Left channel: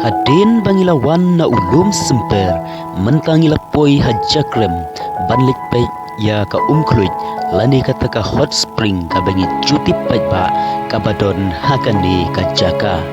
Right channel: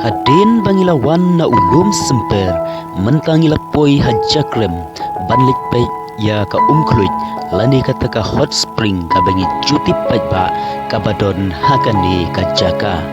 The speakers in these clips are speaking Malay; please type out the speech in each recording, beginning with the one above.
Hadin bangilawan na ulum semper mentangila poi hajakrem banlik pai ya ka umkluit lani kata ka hot spring ka bangi cuti pai ba kabadon hakani ka jaka.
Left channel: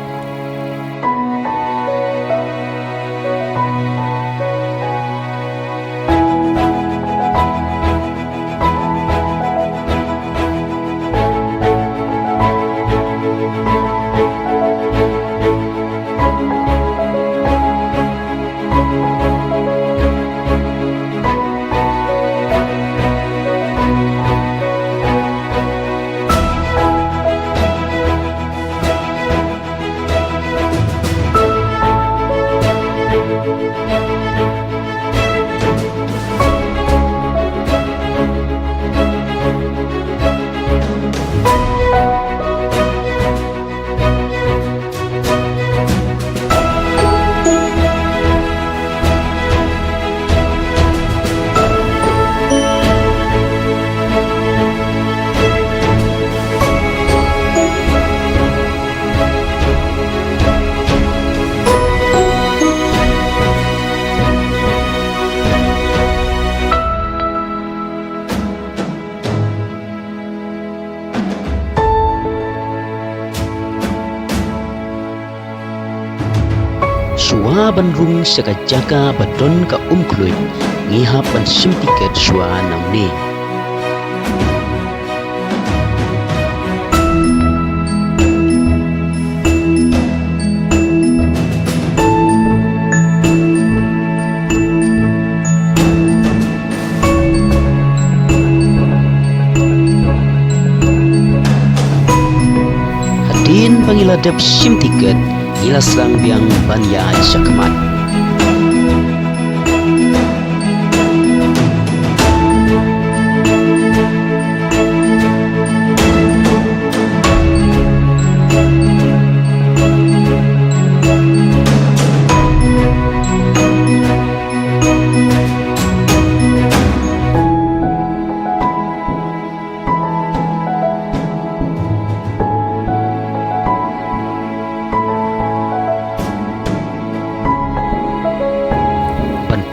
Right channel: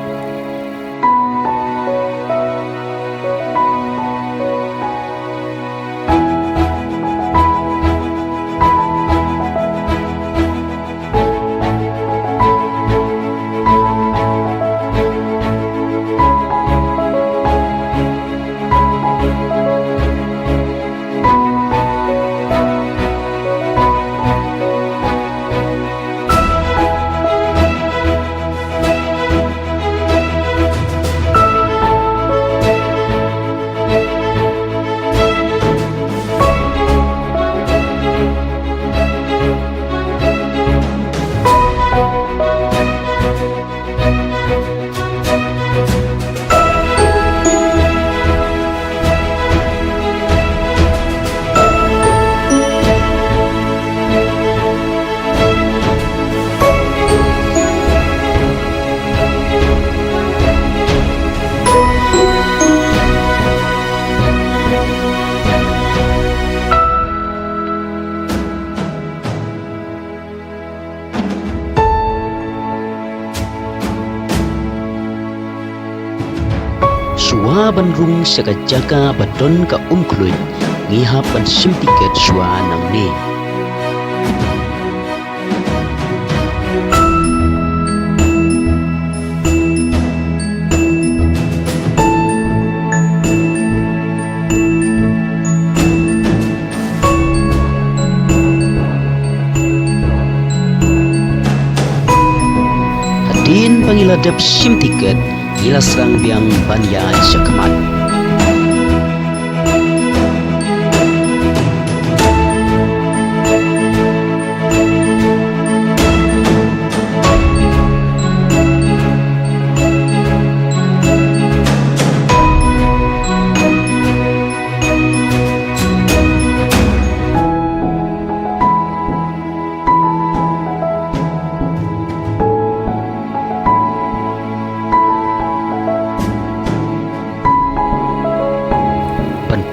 Shua banrung saka jaka badon ka umkluit ngihap ban sim tiket shua namni. Hadin pangiladap sim tiket ila serang biang banya syakmat.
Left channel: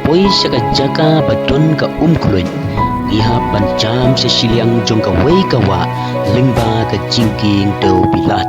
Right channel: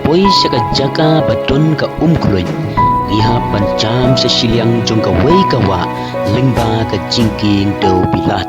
Poi saka jaka badon ka umkluit ngihap ban jam sa siliang jong ka wei kawa lingba ka jingking do bilat.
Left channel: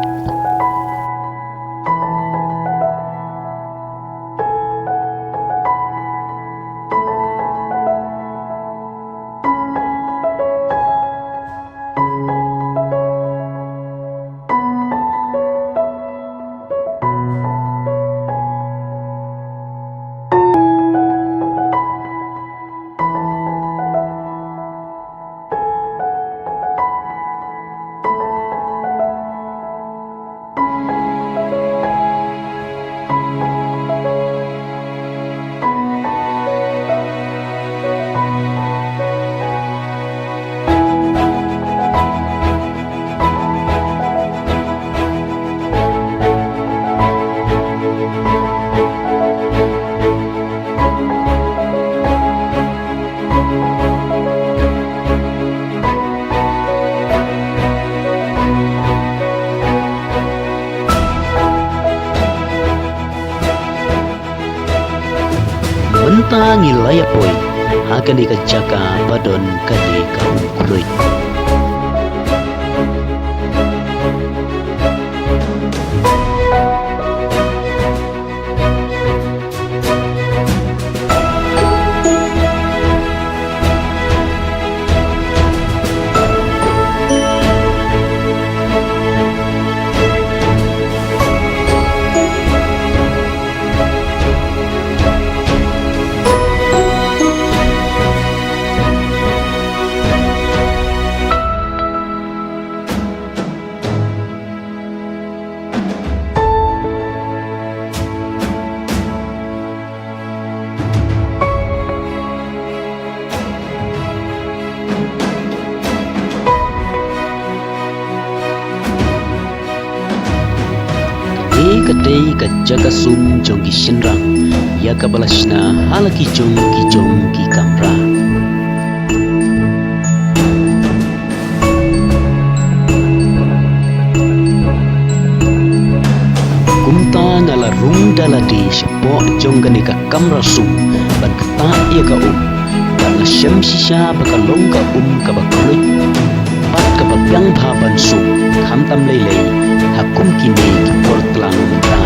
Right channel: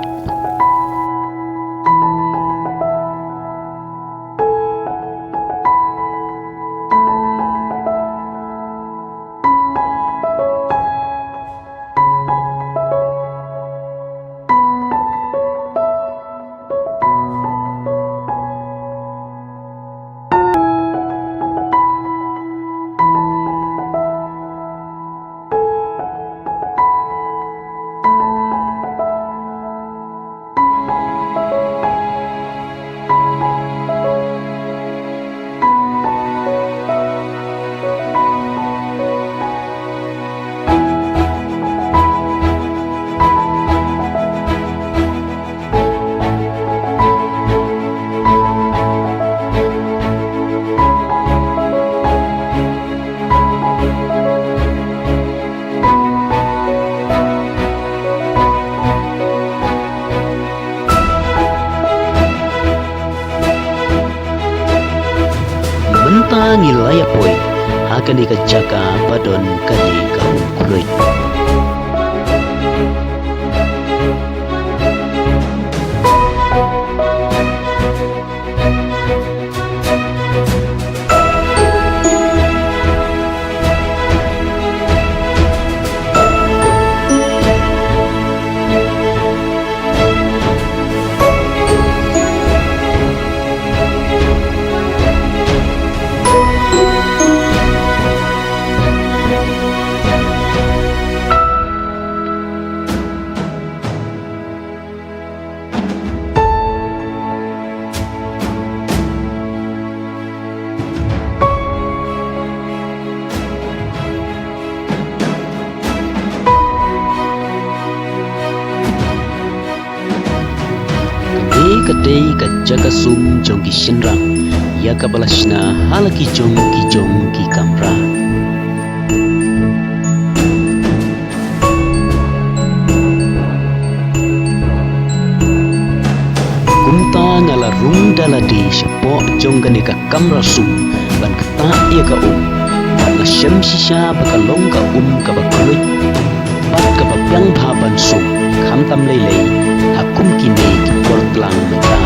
Mentang ilaya poi akan dikajaka badon kali ka umkluit. Kadai ka jaga sum jong ki shinrang ya ka balashna halaki jong ki kamra. Kumta ngala rung daladi sepo jonggani ka kamra sum ban kata ia ka ban la syam shisha bakalong ka ka bakruj pat ka papyang ban sum kham tam lei hakum kini ki portlang menta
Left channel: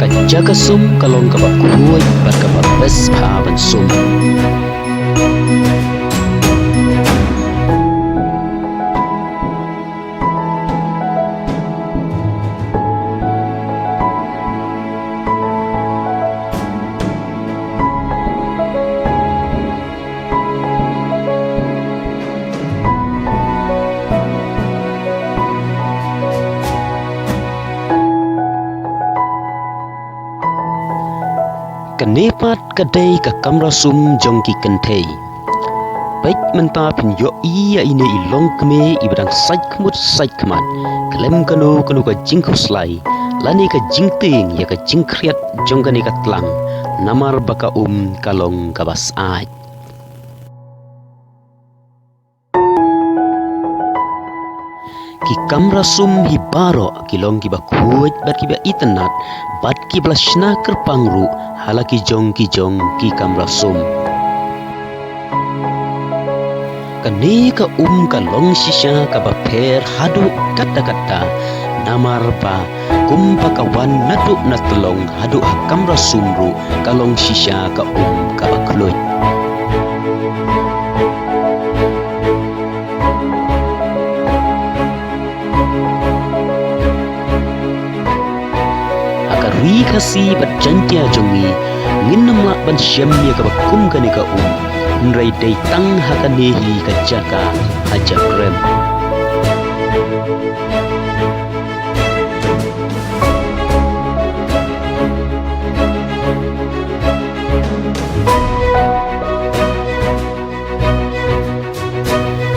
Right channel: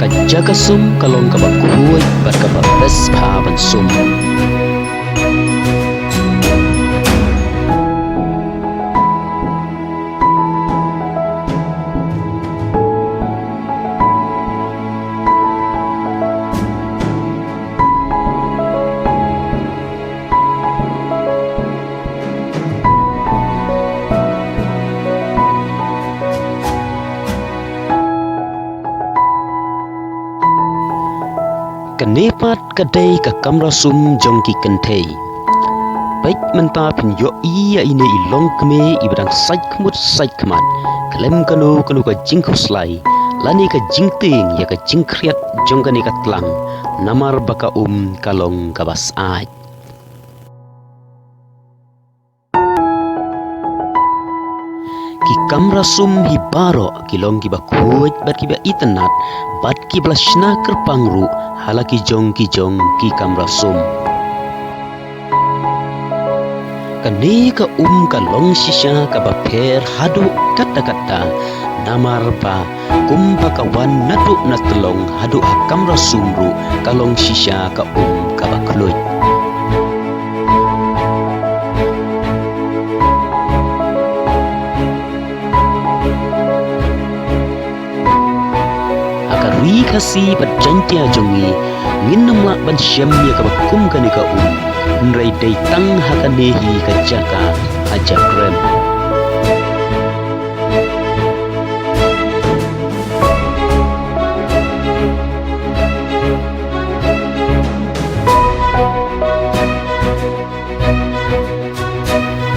ka jaga sum kalong ka bakruj bat ka bes ban sum Kenepat kadai ka kamra sum jongki kentei. Baik menta pin yo iya ini ilong keme ibrang saik kemat. Kelem kanu ka jingku slai. Lani ka jingting ya ka jingkriat jonggani ka tlang. Namar baka kalong kabas aj. Ki kamra sum hi baro kilong ki bakuj bat ki ba itanat bat ki blashna kerpangru halaki jong ki kamra sum kane ka kalong shisha ka ba pher hadu kata namar ba kumpa kawan natu natlong hadu ha kamra sumru kalong shisha ka ka ba kluj Ri kasi bat jantia jongi nginam lak ban syam ya ka bakum kani ka nrai dai tang hakanehi ka jaka haja krem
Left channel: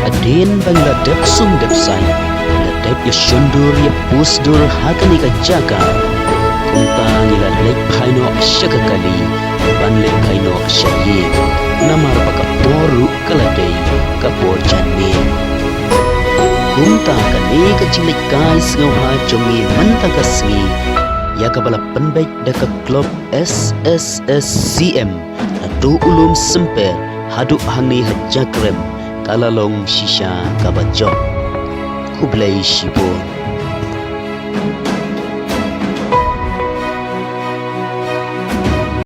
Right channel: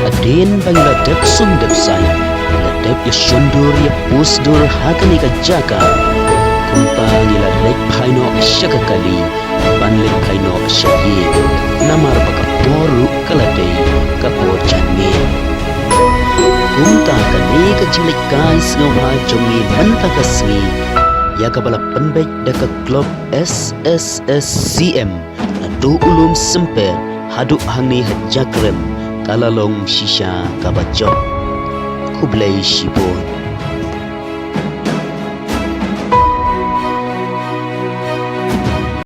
aden bang ladap sum dapsai ladap ya shondur ya pusdur hakani ka jaka Kumpang ila lek paino syakakali ban lek paino syayi namar baka poru kaladai kapor janmin kumta kane kacing lek guys ngawha jongi menta kasngi ya kabala penbaik daka klub SSSCM na do ulum semper hadu hangni hajakrem kalalong shisha kabajok kublai shibon